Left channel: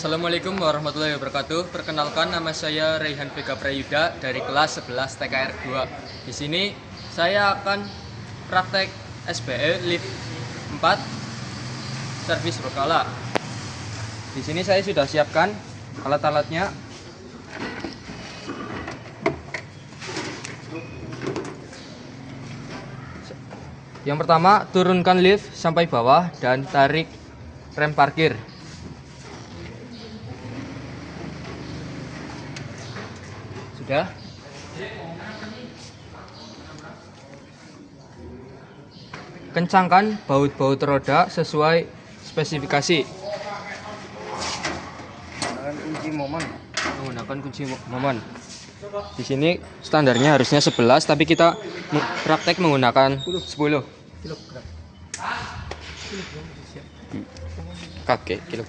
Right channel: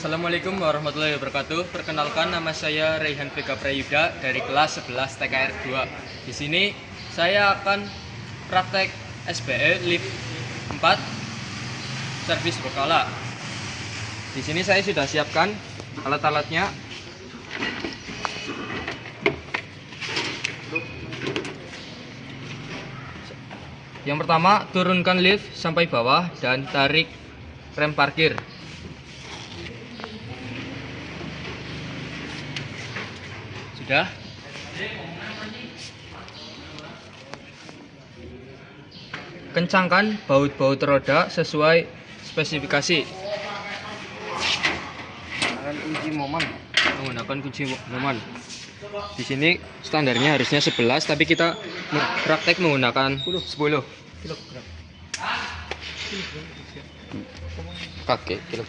Assalamualaikum warahmatullahi wabarakatuh. Perkenalkan, nama saya Raihan Vega Prayuda dari kelas 11 TKR 2. Di sini saya akan praktek SBE lift 4 servis berkala. Di sini saya sudah siapkan alat-alatnya. Yang pertama, turunkan lift sampai bawah dan tarik rem parkir. Sudah. Kencangkan baut-baut roda sesuai spesifikasi. Menggunakan kunci momen. Di sini standarnya harusnya 11, tapi kita praktek menggunakan 10 kilogram. Kakek kilo.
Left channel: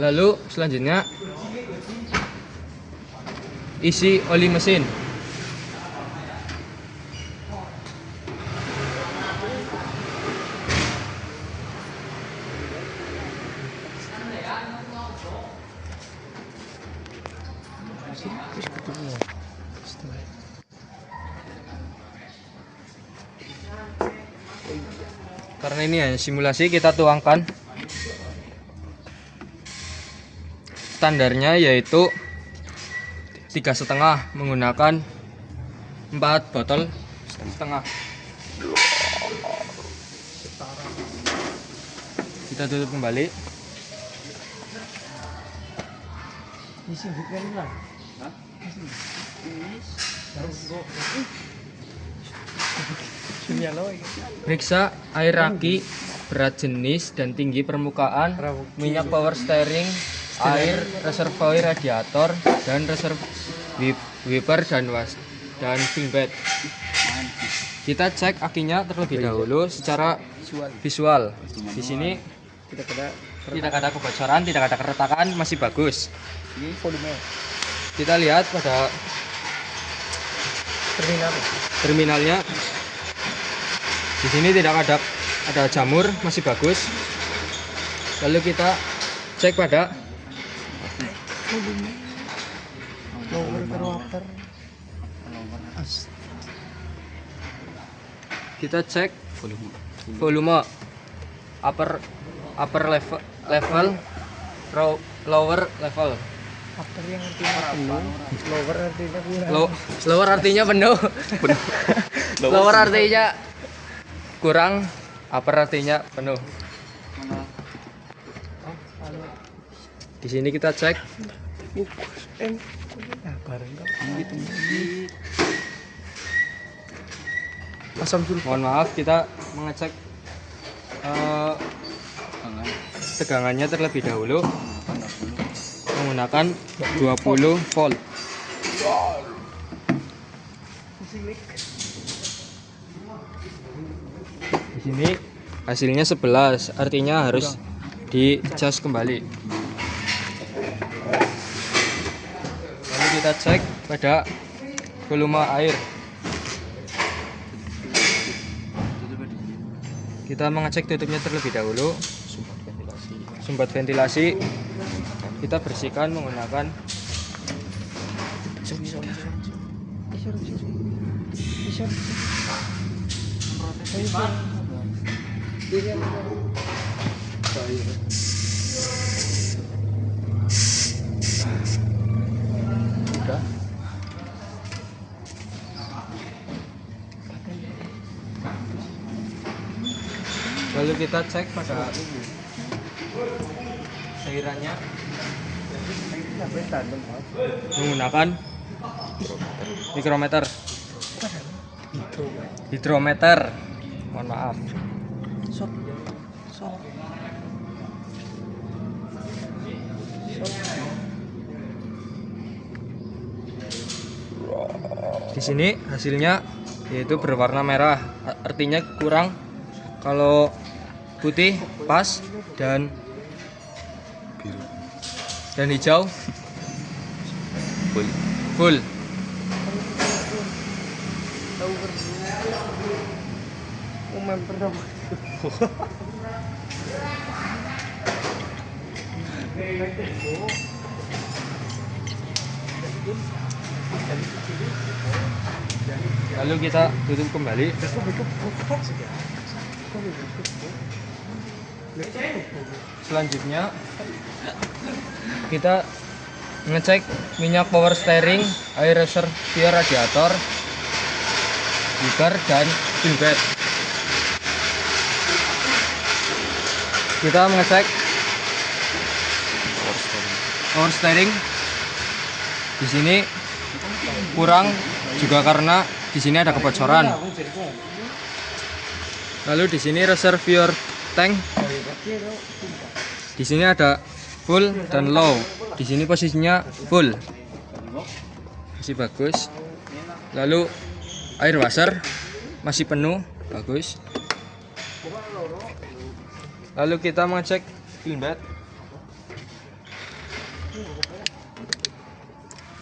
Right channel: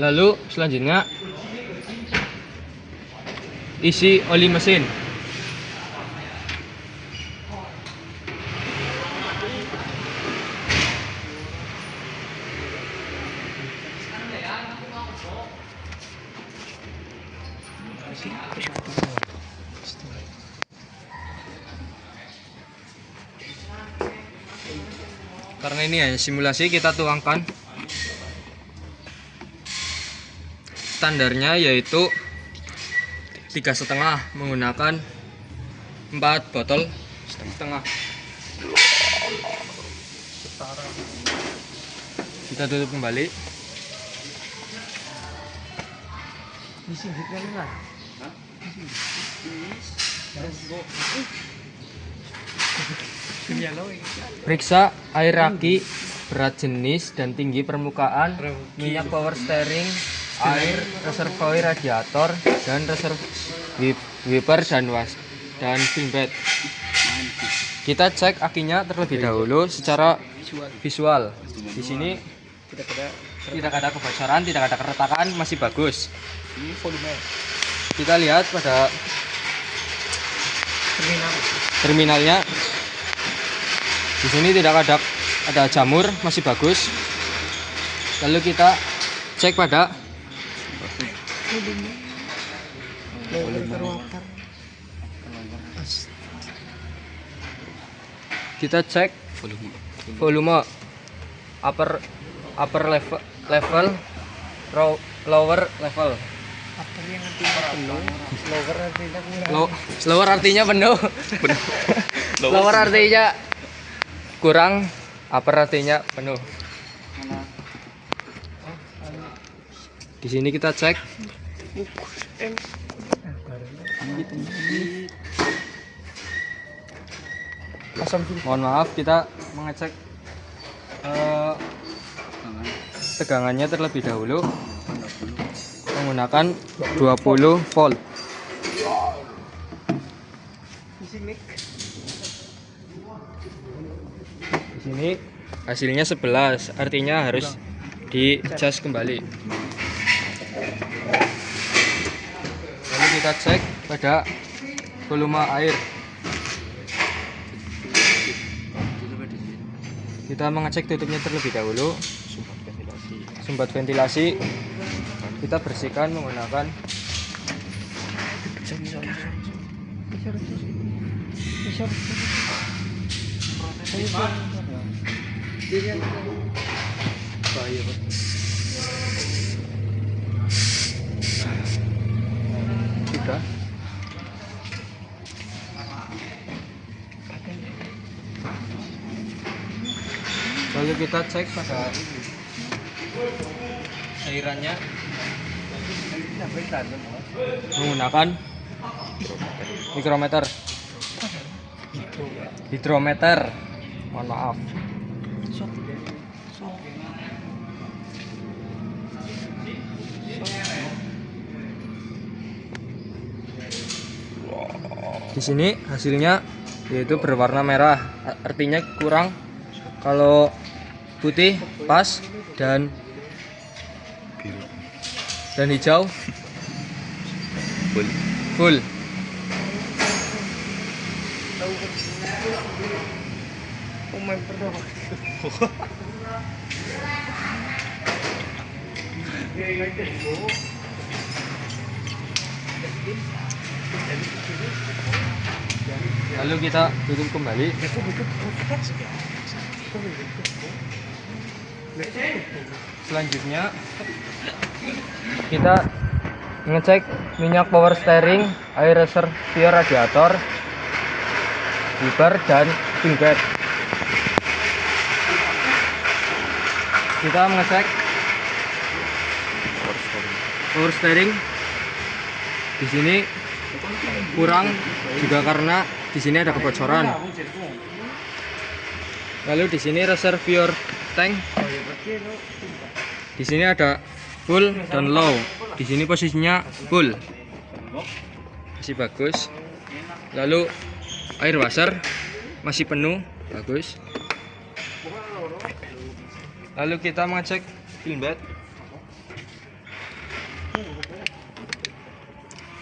Lalu selanjutnya isi oli mesin. Karena ini hanya simulasi, kita tuangkan standarnya yaitu 3,5 menggunakan 4 botol setengah. Kita tutup kembali. Periksa air aki, berat jenis dan tinggi permukaan, minyak power steering, air, reservoir radiator, dan wiper dan pinbed. Kita cek akinya terlebih dahulu secara visual. Di sini tidak ada kebocoran, tidak ada keretakan, masih bagus. Kita lihat pada terminalnya. Di sini tidak ada jamur, masih bagus. Lalu kita cek pada volume upper level, lower level. Lower artinya penuh. Lower artinya kurang, upper artinya penuh. Di sini kita cek. Mohon maaf, kita mengecek tegangannya terlebih dahulu menggunakan 20 volt. Di sini hasilnya 11, artinya harus dicas kembali. Lalu kita cek pada volume air. Kita mengecek tutupnya terlebih dahulu. Sumbat ventilasi kita bersihkan menggunakan lalu kita cek pada cairannya menggunakan hidrometer. Mohon maaf. Di sini hasilnya yaitu berwarna merah, artinya kurang. Kalau putih pas, dan Biru. hijau Full. full. Lalu kita tutup kembali. Selanjutnya kita ngecek minyak power steering, air reservoir radiator, wiper, dan fuel bed. Kita mengecek power steering. Di sini kurang juga karena di sini ada kebocoran. Lalu di sini reservoir tank. Di sini ada full dan low. Di sini posisinya full. Masih bagus. Lalu air washer masih penuh, bagus. Lalu kita mengecek fuel bed.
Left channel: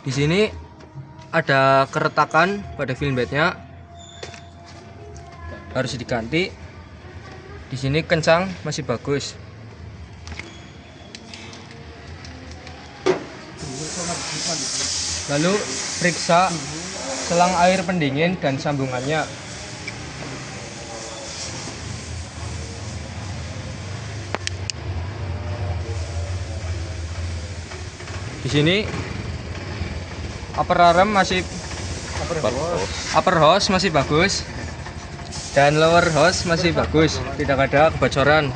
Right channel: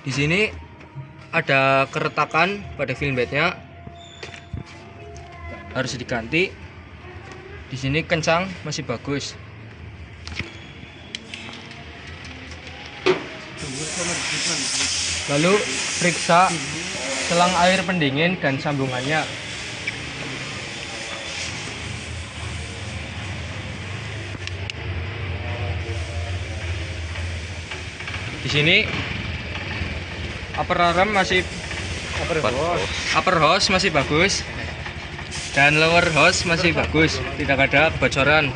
Di sini ada keretakan pada fuel bednya, harus diganti. Di sini kencang, masih bagus. Lalu periksa selang air pendingin dan sambungannya. Di sini upper arm masih upper hose masih bagus, dan lower hose masih bagus, tidak ada kebocoran.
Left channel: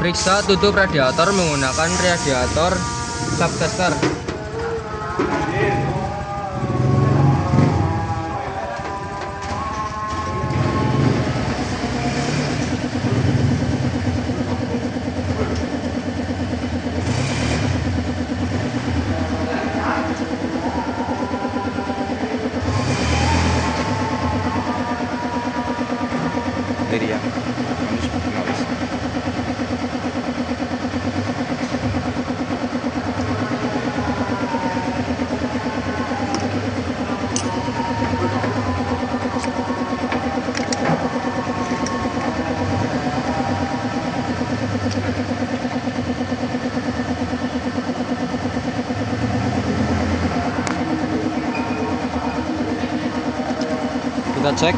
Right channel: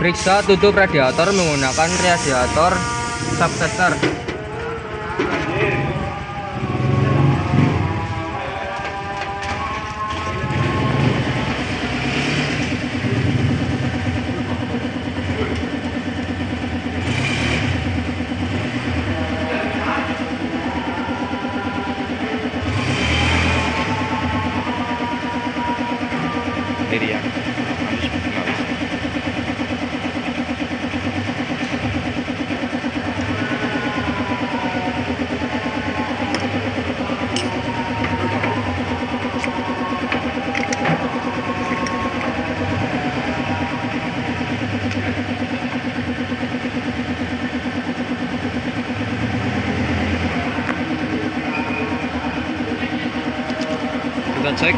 Periksa tutup radiator menggunakan radiator subtester. Dari yang harus penulis. Kita cek.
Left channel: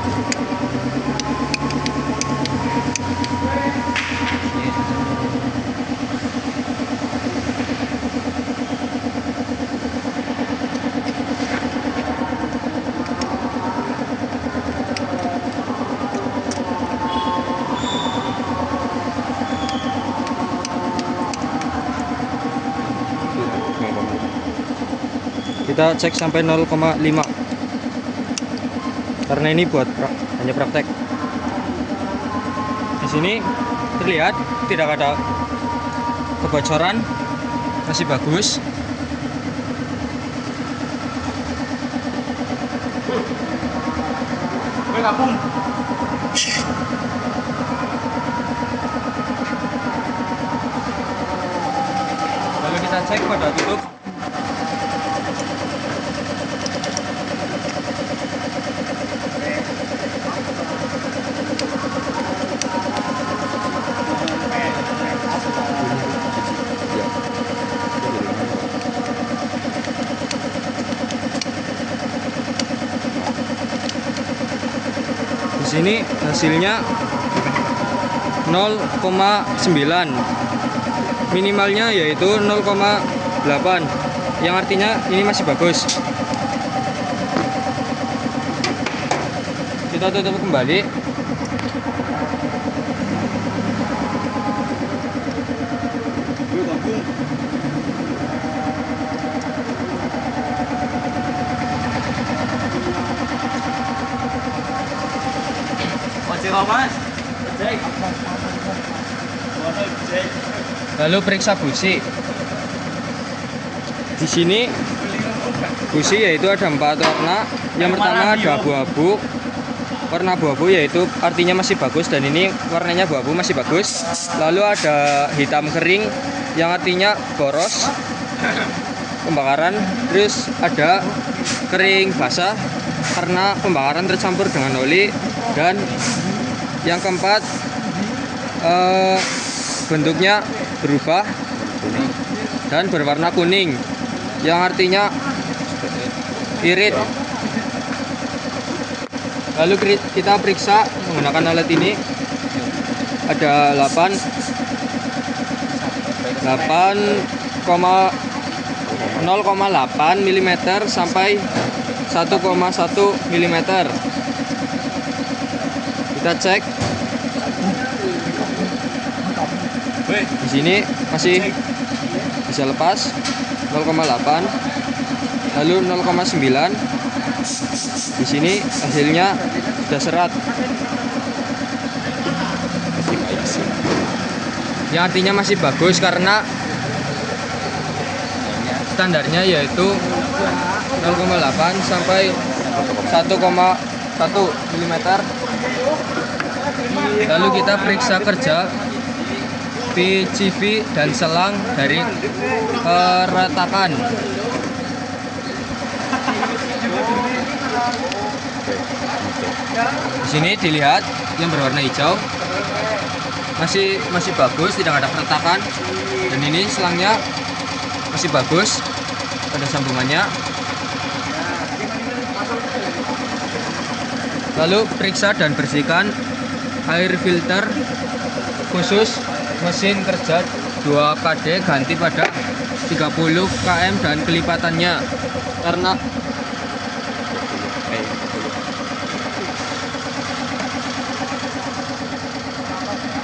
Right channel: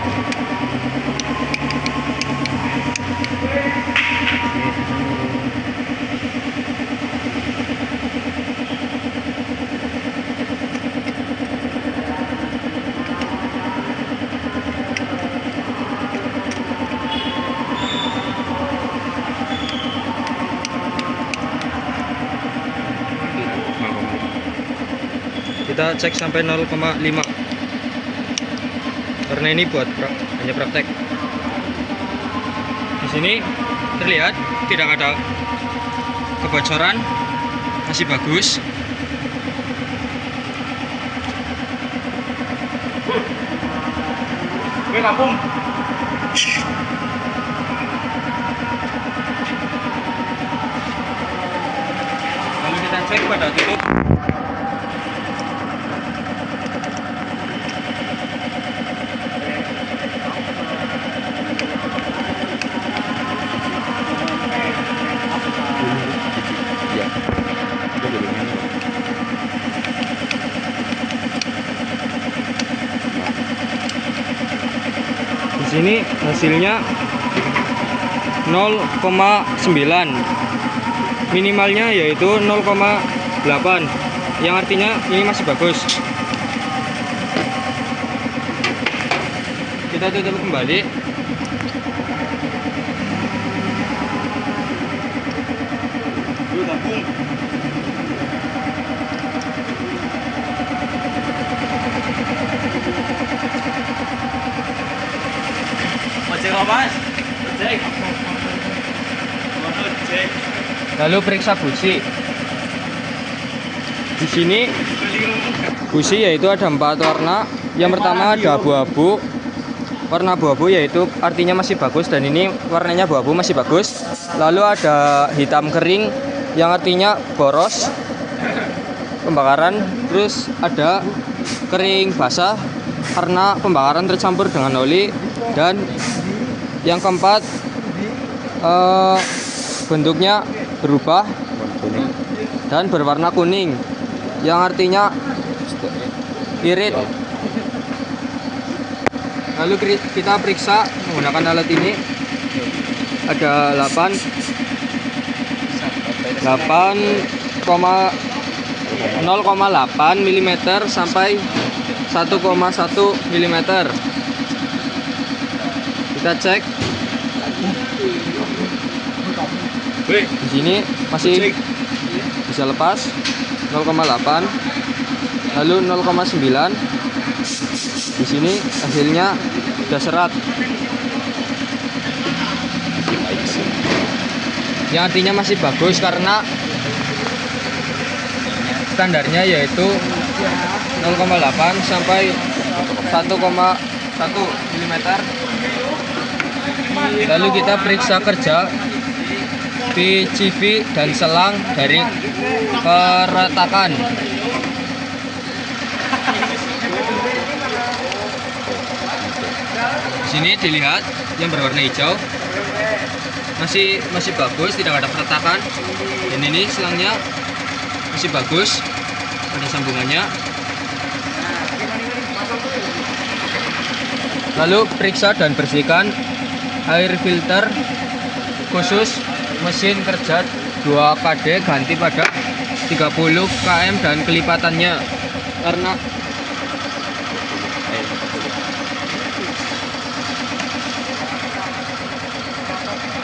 Kita cek sampai 0,5 karena ini buat hanya praktek. Di sini terlihat tidak ada kebocoran, masih bagus. Lalu kita cek pada tutup. Ya. Itu dulunya nih, Pak. Di sini hasilnya 0,9. Minimalnya yaitu 0,8. Yang artinya ini masih bagus. Kita tutup kembali. Lalu periksa busi. Di sini busi yaitu ada 4 warna. Yang pertama ada abu-abu. Warna abu-abu yaitu artinya masih bagus, dan ini warnanya abu-abu masih bagus. Lalu ada hitam kering yang artinya boros pembakaran. Terus ada kering basah karena pembakaran tercampur dengan oli. Dan yang keempat bentuknya berubah kuning. dan berwarna kuning yang artinya irit. Lalu kita periksa menggunakan alat ini. Ada 0,8 mm sampai 1,1 mm. Kita cek. Di sini masih bisa lepas 0,8, lalu 0,9. Di sini hasilnya sudah serat, Masih baik sih. yang artinya masih bagus karena standarnya yaitu 0,8 sampai 1,1 mm. Lalu kita periksa kerja di CV dan selang dari keretakan. Oke, gitu. Di sini dilihat yang berwarna hijau masih bagus, tidak ada keretakan. Dan ini selangnya masih bagus, ada sambungannya. Lalu periksa dan bersihkan air filter khusus mesin kerja 2 KD, ganti pada 30 km dan kelipatannya karena 40.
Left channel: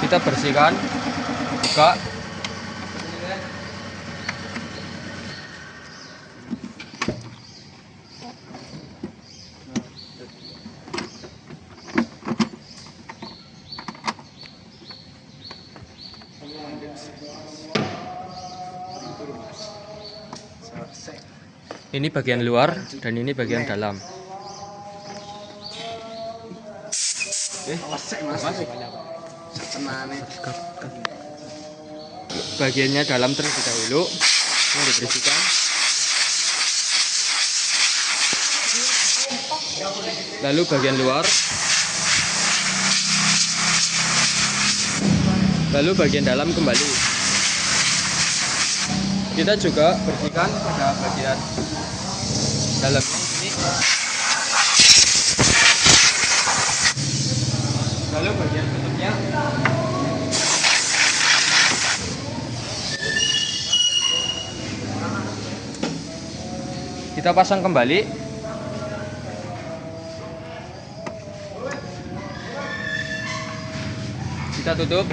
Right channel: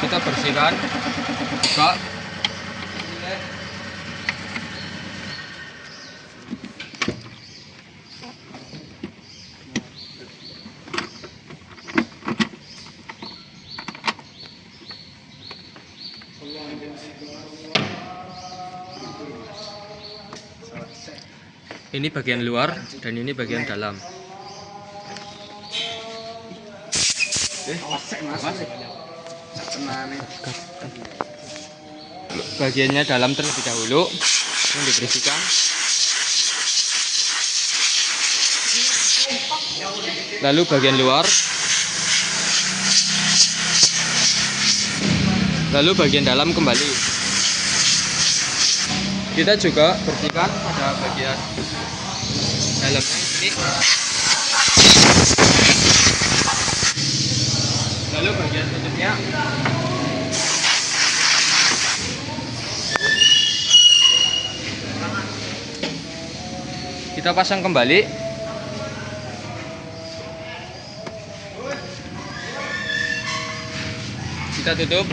kita bersihkan juga. Ini bagian luar dan ini bagian dalam. Bagiannya dalam terlebih dahulu yang dibersihkan. Lalu bagian luar. Lalu bagian dalam kembali. Kita juga bersihkan pada bagian dalam ini. Lalu bagian tutupnya. Kita pasang kembali. Kita tutup.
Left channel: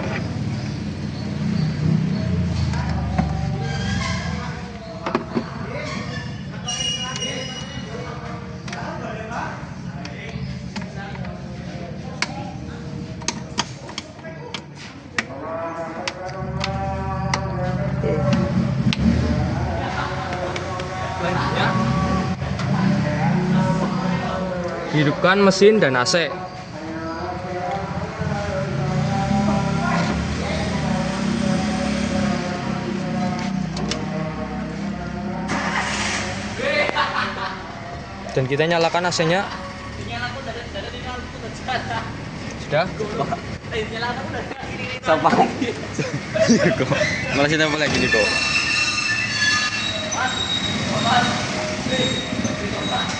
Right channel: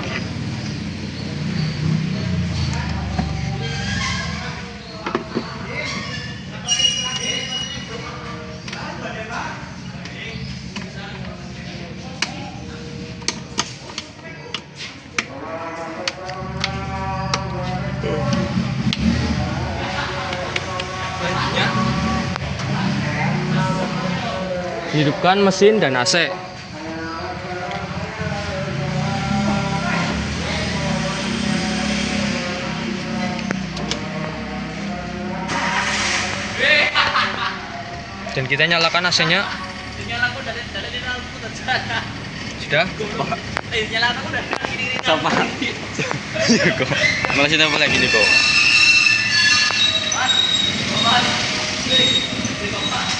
Selanjutnya, hidupkan mesin dan AC. Dan kita nyalakan AC-nya. Sudah? Sama. Iya kok. Malah sih tempel lagi nih kok.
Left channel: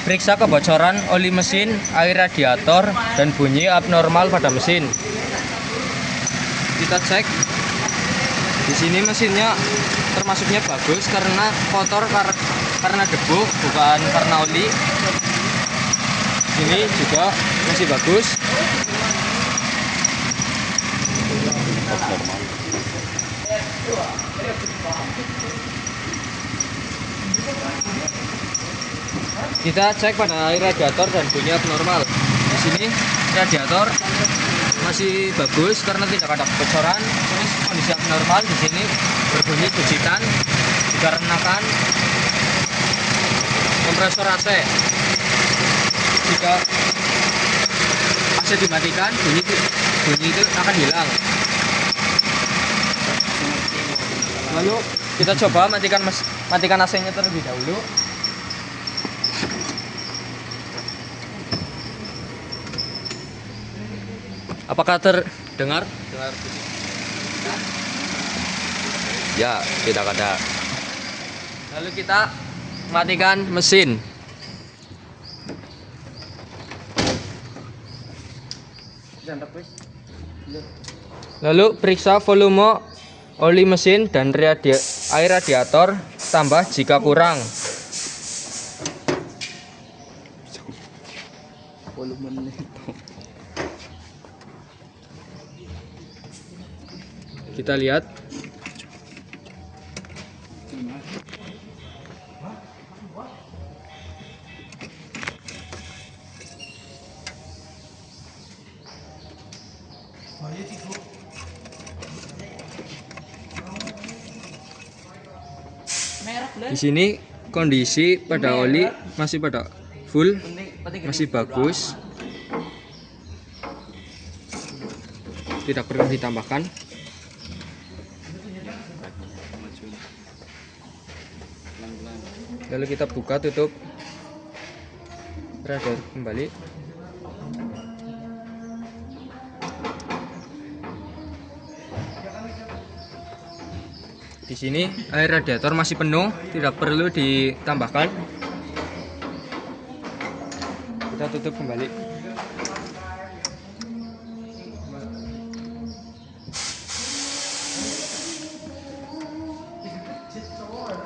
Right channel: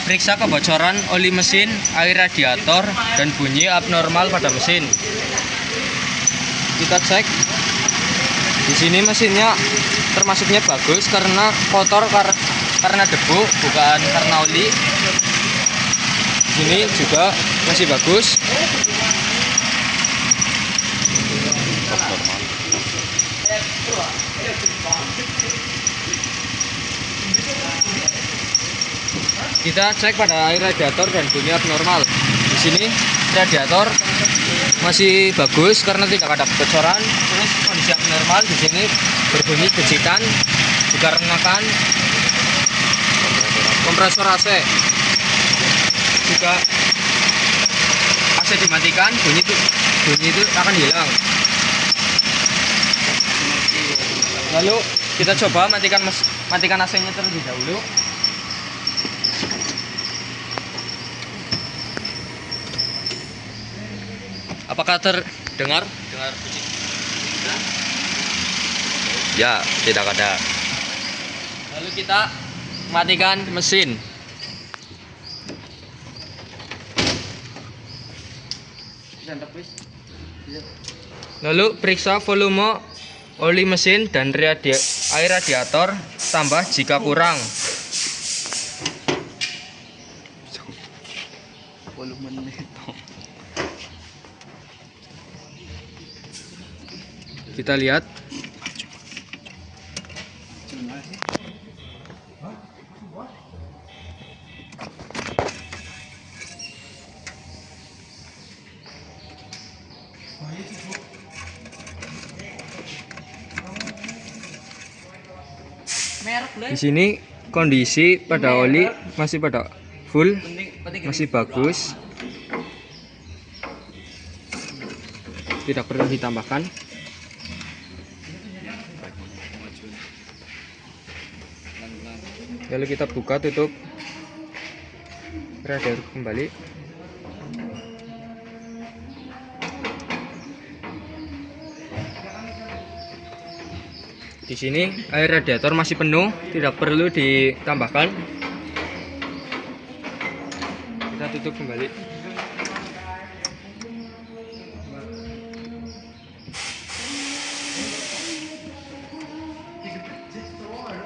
Periksa kebocoran oli mesin, air radiator, dan bunyi abnormal pada mesin. Kita cek. Di sini mesinnya termasuknya bagus karena kotor karena debu, bukan karena oli. Ini juga masih bagus. Normal. Kita cek pada air radiator dan bunyi abnormal. Di sini radiator masih bagus karena tidak ada kebocoran. Terus kondisi abnormal di sini berbunyi becikan dikarenakan kompresor AC. Jika AC dimatikan, bunyi itu akan hilang. Lalu kita coba matikan AC-nya terlebih dahulu. Apakah terdengar? Dengar bunyi? Ya, tidak ada. Lalu kita matikan mesin. Lalu periksa volume oli mesin dan air radiator, tambah jika kurang. Volume itu. Kita lihat. Di sini kondisi pada oli masih pada full, masih bagus, tidak perlu ditambahkan. Lalu kita buka tutup radiator kembali. Di sini air radiator masih penuh, tidak perlu ditambahkan. Kita tutup kembali.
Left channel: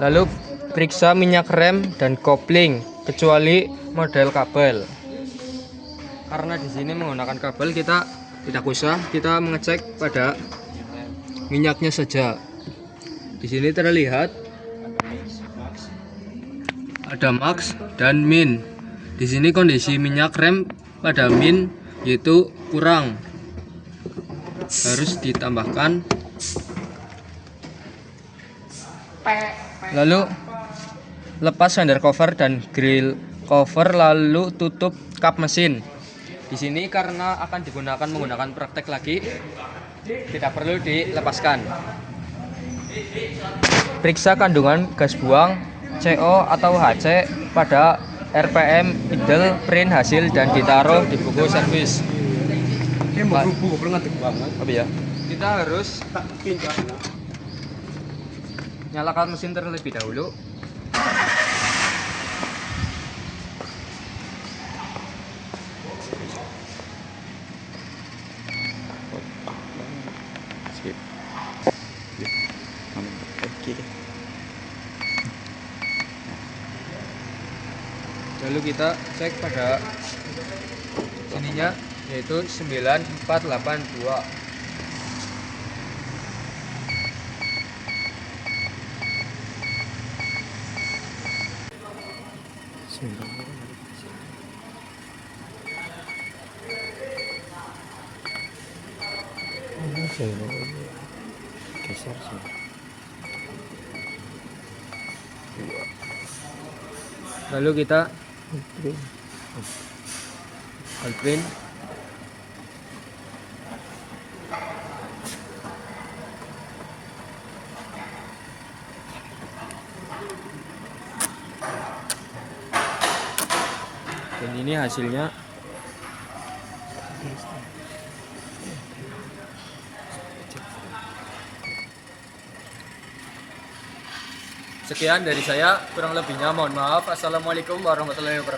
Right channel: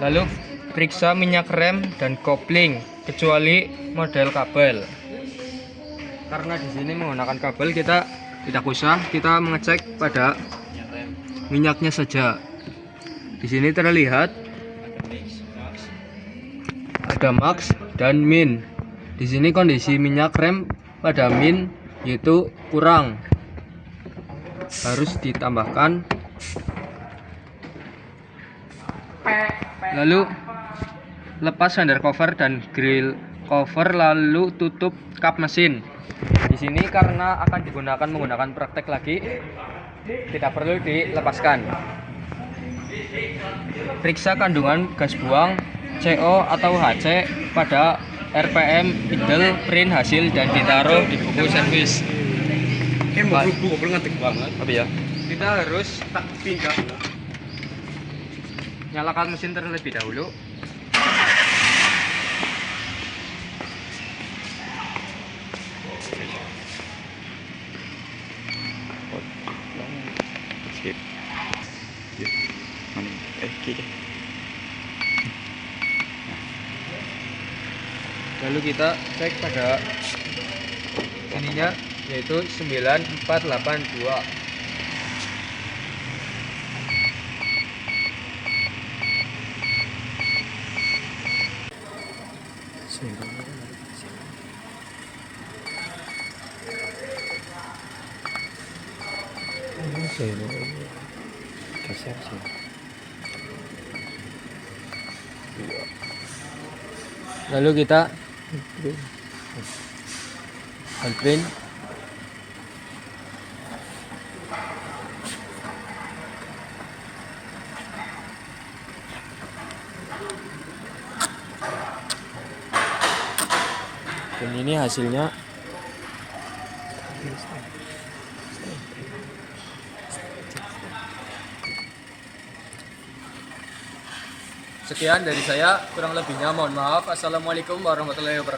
Lalu periksa minyak rem dan kopling, kecuali model kabel. Karena di sini menggunakan kabel, kita tidak usah, kita mengecek pada minyaknya saja. Di sini terlihat ada max dan min. Di sini kondisi minyak rem pada min yaitu kurang, harus ditambahkan. Lalu lepas fender cover dan grill cover, lalu tutup kap mesin. Di sini karena akan digunakan menggunakan praktek lagi, tidak perlu dilepaskan. Periksa kandungan gas buang CO atau HC pada RPM idle print hasil dan ditaruh di buku servis. Apa ya? Kita harus nyalakan mesin terlebih dahulu. Skip. Kiri. Lalu kita cek pada ininya, yaitu 9482. Geser sih. Lalu kita handprint. Dan ini hasilnya. Sekian dari saya, kurang lebihnya mohon maaf. Assalamualaikum warahmatullahi wabarakatuh.